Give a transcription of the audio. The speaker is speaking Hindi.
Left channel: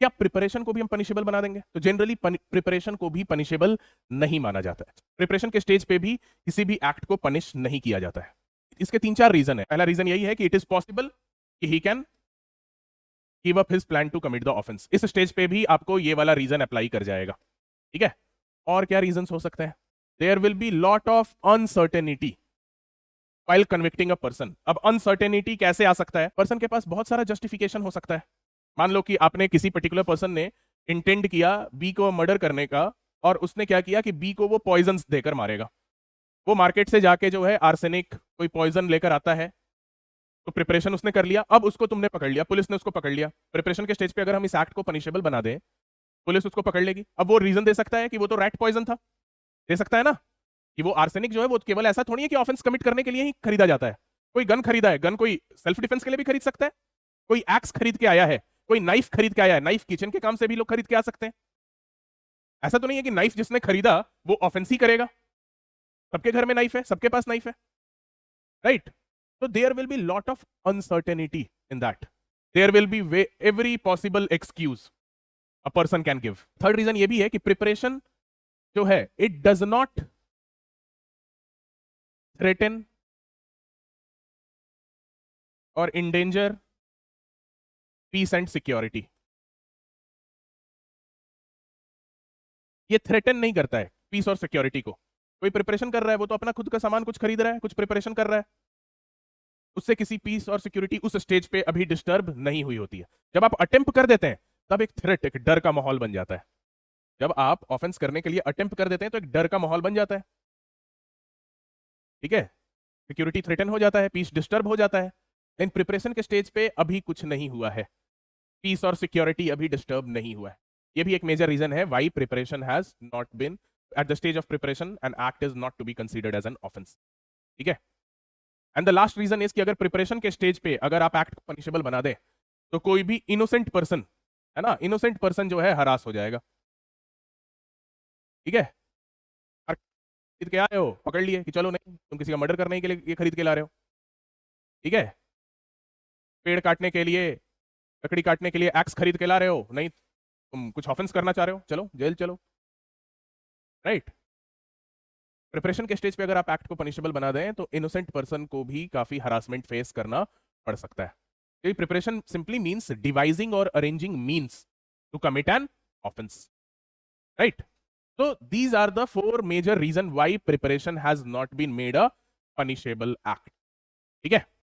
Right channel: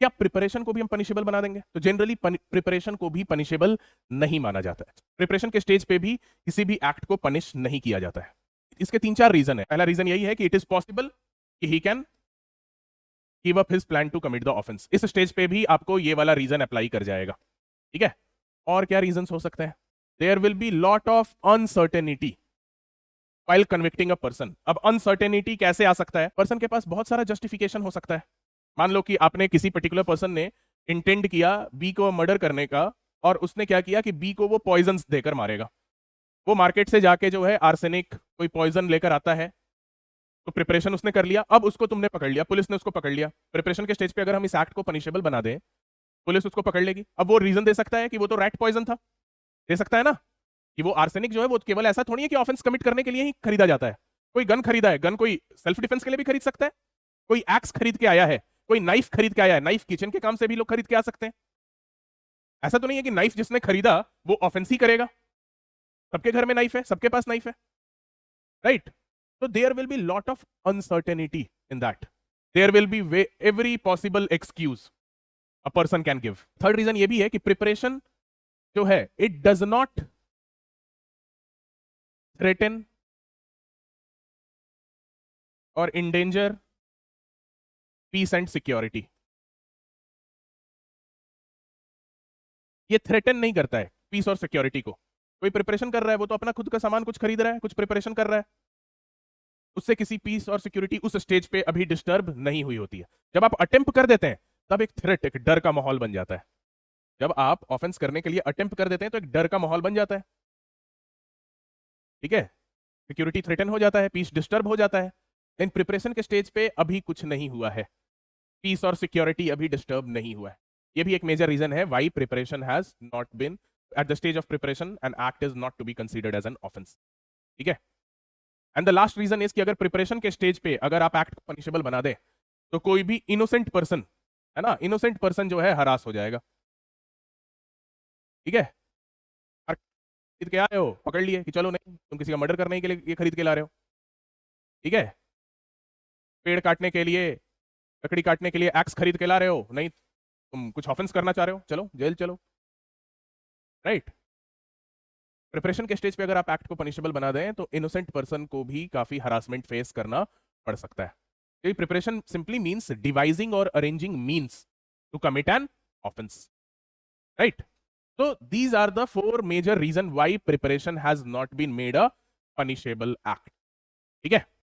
क्या प्रिपरेशन को भी हम पनिशेबल बना देंगे? तो जनरली प्रिपरेशन को भी पनिशेबल नहीं माना जाता है। प्रिपरेशन के स्टेज पे भी किसी भी एक्ट को पनिश नहीं किया जाता है। इसके 3-4 रीजन है। पहला रीजन यही है कि इट इज पॉसिबल कि he can give up his plan to commit the offence. इस स्टेज पे भी आपको ये वाला रीजन अप्लाई कर जाएगा, ठीक है। और क्या रीजन हो सकते हैं? There will be lot of uncertainty while convicting a person। अब अनसर्टेनिटी कैसे आ सकता है? पर्सन के पास बहुत सारा जस्टिफिकेशन हो सकता है। मान लो कि आपने किसी पर्टिकुलर पर्सन ने इंटेंट किया बी को मर्डर करने का, और उसने क्या किया कि बी को वो पॉइजन देकर मारेगा। वो मार्केट से जाके जो है आर्सेनिक कोई पॉइजन लेकर आता है, तो प्रिपरेशन उसने कर लिया, अब उसको तुमने पकड़ लिया, पुलिस ने उसको पकड़ लिया। प्रिपरेशन के स्टेज पे अगर हम इस एक्ट को पनिशेबल बना दें, पुलिस उसको पकड़ लेगी। अब वो रीजन दे सकता है कि वो तो रैट पॉइजन था, दे सकता है ना, कि वो आर्सेनिक जो है वो केवल ऐसा थोड़ी है कि ऑफेंस कमिट करने के लिए ही खरीदा जाता है। कोई गन खरीदा है, गन कोई सेल्फ डिफेंस के लिए भी खरीद सकता है, कोई एक्स खरीद के आया है, कोई नाइफ खरीद के आया है, नाइफ किचन के काम से भी लोग खरीद के आ सकते हैं। ऐसा तो नहीं है कि नाइफ जिसने खरीदा वो ऑफेंस ही करेगा। सबके घर में नाइफ है, सबके पास नाइफ है, right. So there will be lot of uncertainty in that. There will be every possible excuse a person can give. Third reason ये भी है कि प्रिपरेशन जो है it does not threaten or endanger peace and security। ये थ्रेटन नहीं करता है पीस और सिक्योरिटी को। कोई प्रिपरेशन कर रहा है, वो तो अपना खुद का सामान कुछ खरीद रहा है, कुछ प्रिपरेशन कर रहा है, उससे किसी पीस और सिक्योरिटी उस स्टेज पे अभी डिस्टर्ब नहीं हुई होती है। जब आप अटेम्प्ट कर देते हैं तब एक थ्रेट, एक डर का माहौल बन जाता है। जब आप ऑफेंस करने के लिए अटेम्प्ट कर देते हैं तो एक डर का माहौल बन जाता है, ठीक है। सिक्योरिटी थ्रेटन हो जाता है, पीस डिस्टर्ब हो जाता है। लेकिन प्रिपरेशन के स्टेज पे अभी कुछ नहीं हुआ है, पीस और सिक्योरिटी अभी डिस्टर्ब नहीं हुआ है। ये भी एक मेजर रीजन है why preparation has not been at the stage of preparation an act is not to be considered as an offence, ठीक है। And the last reason is कि अगर प्रिपरेशन के स्टेज पे अगर आप एक्ट पनिशेबल बना दे तो कोई भी इनोसेंट पर्सन है ना, इनोसेंट पर्सन जो है हरास हो जाएगा, ठीक है। खरीद के आ रहे हो, पकड़ लिए कि चलो नहीं मर्डर करने के लिए ये खरीद के ला रहे हो, ठीक है। पेड़ काटने के लिए, लकड़ी काटने के लिए एक्स खरीद के ला रहे हो, नहीं तुम कुछ ऑफेंस करना चाह रहे हो, चलो जेल चलो, राइट। प्रिपरेशन के स्टेज पे अगर आप एक्ट को पनिशेबल बना दें तो इनोसेंट पर्सन को भी काफी हरासमेंट फेस करना पड़ सकता है। तो प्रिपरेशन सिंपली मीन्स डिवाइजिंग और arranging means to commit an offence, right. So these are the four major reason why preparation has not been made a punishable act, ठीक है।